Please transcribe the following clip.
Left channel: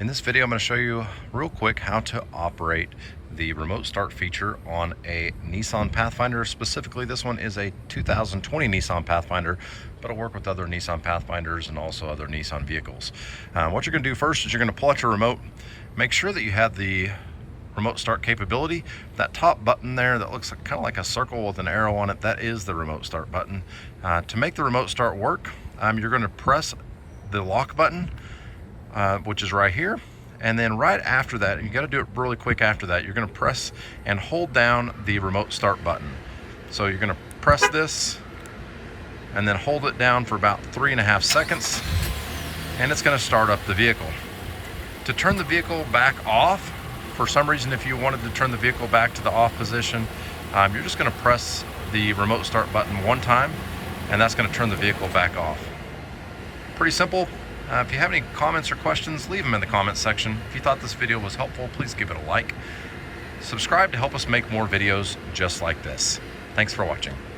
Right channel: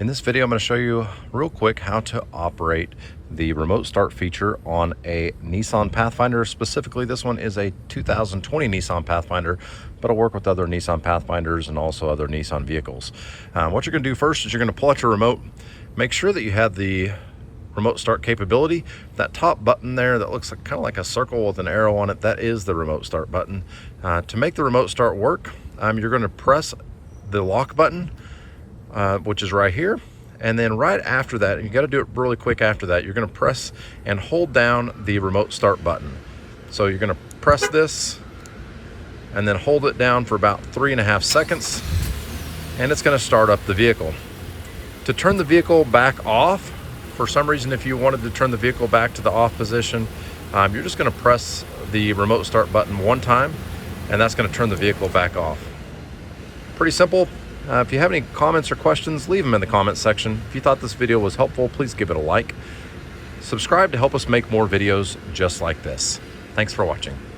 In this video, I'm going to show you real quick how to operate the remote start feature on a Nissan Pathfinder. Specifically, this one is a 2020 Nissan Pathfinder, but I'll work with other Nissan Pathfinders and also other Nissan vehicles. What you're going to do first is you're going to pull out your remote. Make sure that you have the remote start capability. That top button there that looks kind of like a circle with an arrow on it, that is the remote start button. To make the remote start work, you're going to press the lock button, which is right here, and then right after that, you got to do it really quick after that, you're going to press and hold down the remote start button. So you're going to press this and then hold it down for about 3.5 seconds, and it's going to start up the vehicle. To turn the vehicle back off, for some reason, if you wanted to turn the vehicle back to the off position, you're just going to press the remote start button one time, and that's going to turn the vehicle back off. Pretty simple. If you have any comments or questions, leave them in the comments section. If you thought this video was helpful, please give it a like. Subscribe to help us make more videos just like this. Thanks for watching.